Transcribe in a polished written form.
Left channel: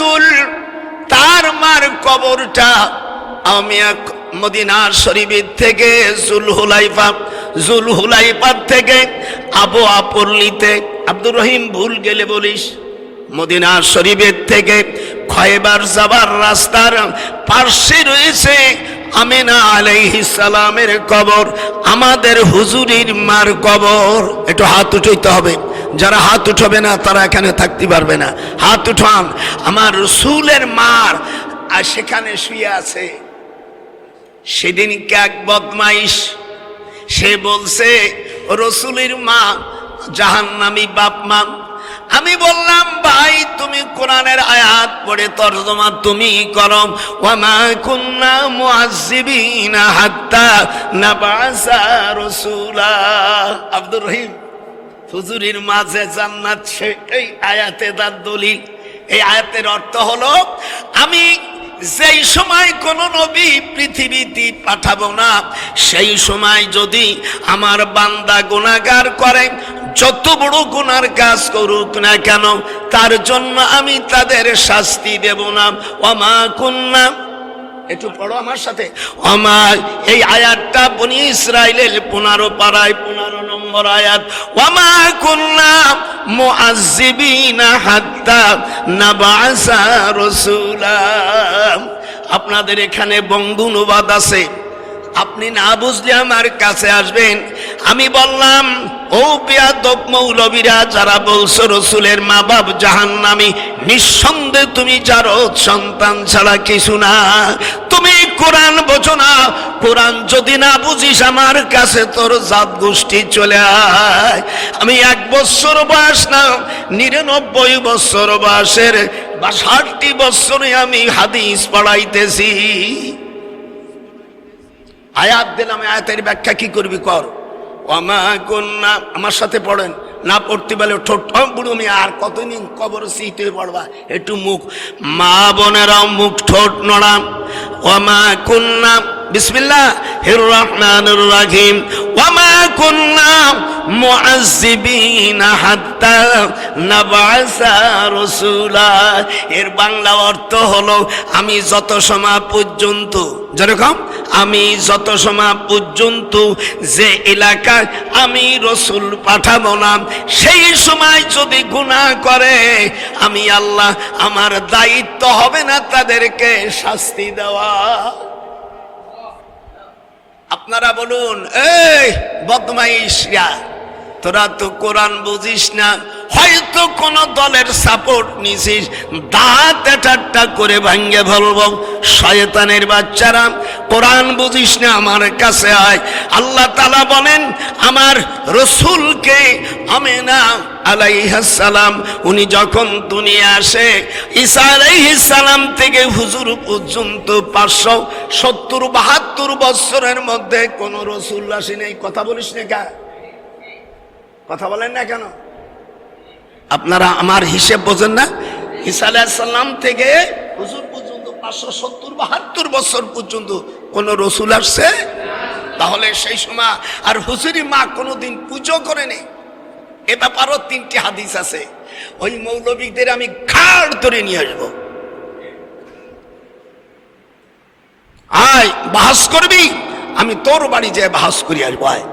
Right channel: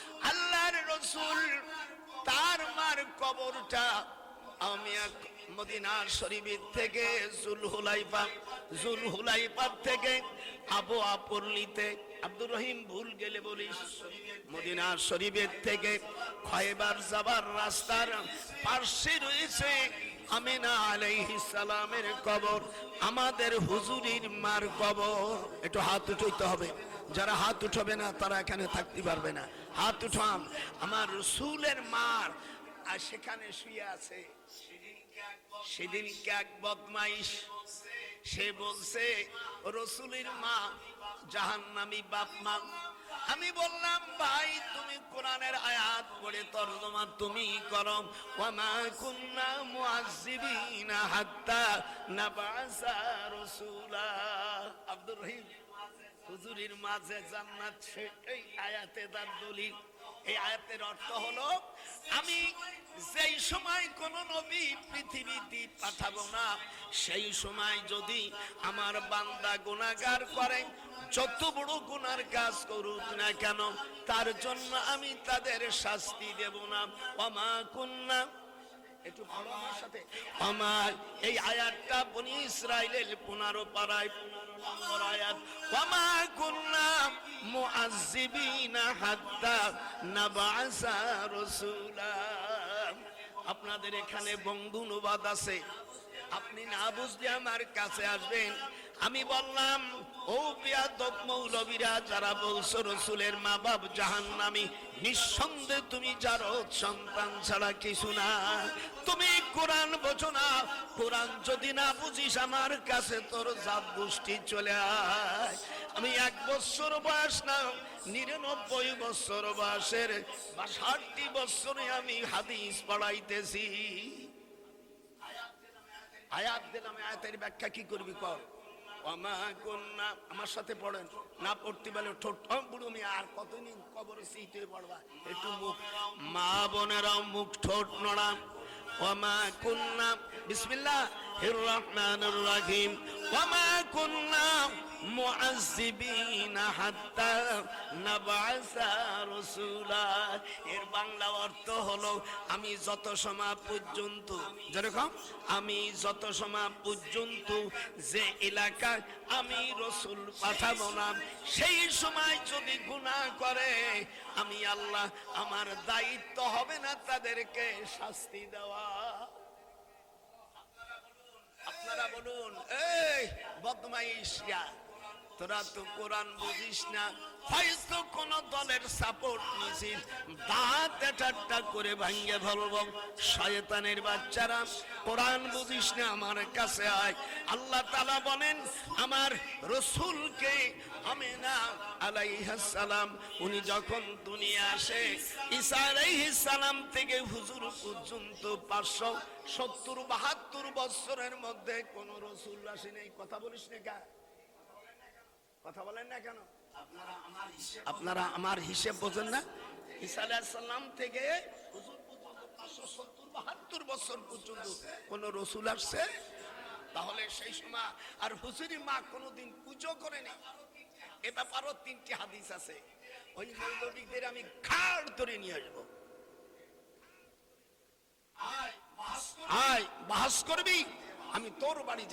রাসূল তার মার কবরটা আমি মদিনা শরীফ থেকে জুলহুলাইফা থেকে আবওয়া পল্লীতে, আব্দুর রহিম ভুল গেলে বলিস, মদিনা শরীফের থেকে খয়বার যাবার রাস্তার পাশে রয়েছে আমিনা আলাইহিস সালামের কবর, আমাদের হুজুরের মার কবর। একটু হাত উঠাইতে হবে, যারা হাত উঠাবে না তারা এখানে থাকতে পারবে না। হাত উঠান। আমার রাসূলের মার আর সেখানে শুয়ে আছে। সেদিনকে এক বদমাইশ সে বলছে রাসূলের মা জাহান্নামী বাপ মা। আমি বললাম ভাই তুমি কোরআনের আয়াত পড়ে তরজমা তুমি করো, ওয়া মা কুন্না মুআয্যিবিনা হাত্তা নাবাসা রাসূলা। আব্দুর রহিম হুজুরের মাঝে জান্নাত, এই আয়াতে তার দলিল। এই আয়াতের অর্থ হলো আমি যেই সময় কোন নবী পৃথিবীতে পাঠাবো না, সেই সময় যদি আমার বান্দা গুনাহগার করে, যত বড় গুনার কাজ করুক না কেন, তার জন্য আমি তাদের শাস্তি দেব না। ওমা কুন্না, একটু পড়ো আমার সাথে, আমার এই আয়াতটা বনি ইসরাইলের 15 পারায় 15 নম্বর আয়াত। ওমা কুন্না মুআয্যিবিনা হাত্তা নাবাসা রাসূলা। আপনাদের এখানে বঙ্গ অনুবাদ আছে, আপনি না বুঝলে আমার কাছে আসবেন। আমি বললাম ও বেয়াদব মৌলবীরা যারা বলছো রাসূলের মা বাপ জাহান্নামী, নিঃসন্দেহে তুমি জারদ সন্তান ছাড়া কিছু না। তুমি কোরআন বোঝো না, কোরআন যদি না বুঝিস আমার কাছে তোর জাত গোষ্ঠী চলে আয়। আমি 1 বছর বয়স না 99 বছর বয়সের বা 60 বছরে আমি হাদিস পড়াইতেছি। আয়াত দিলাম, আয়াতের ব্যাখ্যা কি করবি কর। ওমা কুন্না, আমার সাথে পড়েন, না পড়তে পারলে ঠোঁট বুড়ো আমি আর কতদিন কবর সিটে পড়বা, একটু মুখ, মা বোনেরাও মুখ ঠোঁট নড়াম। ওমা কুন্না, বিসমিল্লাহির রহমানির রহিম, ওমা কুন্না মুআয্যিবিনা হাত্তা নাবাসা রাসূলা। এর বাংলা অর্থ হলো আমি যত সময় পর্যন্ত, যেরকম আমি যত সময় পর্যন্ত যে এলাকায় আমি রাসূল পাঠাবো না, সেই সময় যদি গুনাহ করে আমি আল্লাহ, আমার দায়িত্ব হবে না তাদেরকে শাস্তি দেওয়া। আপনারা বলুন, এই বদমাইশরা, তোরা তো কোরআন বুঝিস না, হয়তো কোন দলের সাপোর্ট নিছিস, দাঁত একটা করে ভাঙ্গে ফেলবো। শয়তানের বাচ্চারা, কোরআন বুঝিস না, আমার কাছে আয়। আল্লাহ তাআলা বলেন আমার রাসূলকে আমিনা আলাইহিস সালাম উনি যখন দুনিয়া আসে, ঈসা আলাইহিস সালাম থেকে হুজুর পর্যন্ত 570-72 বছরের মধ্যে কোন রাসূল আসে নাই। কথা বলিস না কেন? কথা বলেন না কেন? আপনারা আমার হিসেব বোঝেন না? ঈসা আলাইহিস সালাম থেকে হুজুর পর্যন্ত 570-72 বছর পর্যন্ত কোন রাসূল আসছে? তাহলে সেই সময় আর হুজুরি মা কোনোদিন পুজো করেনি। এ ব্যাপারও 3টি হাদিস আছে। ওই মৌলবীদের আমি ঘাড় ধরে নিয়ে আসবো। আয় বাহাস করবি, আমি তোর বাড়ি যেয়ে বাহাস করি আসবো। আয়।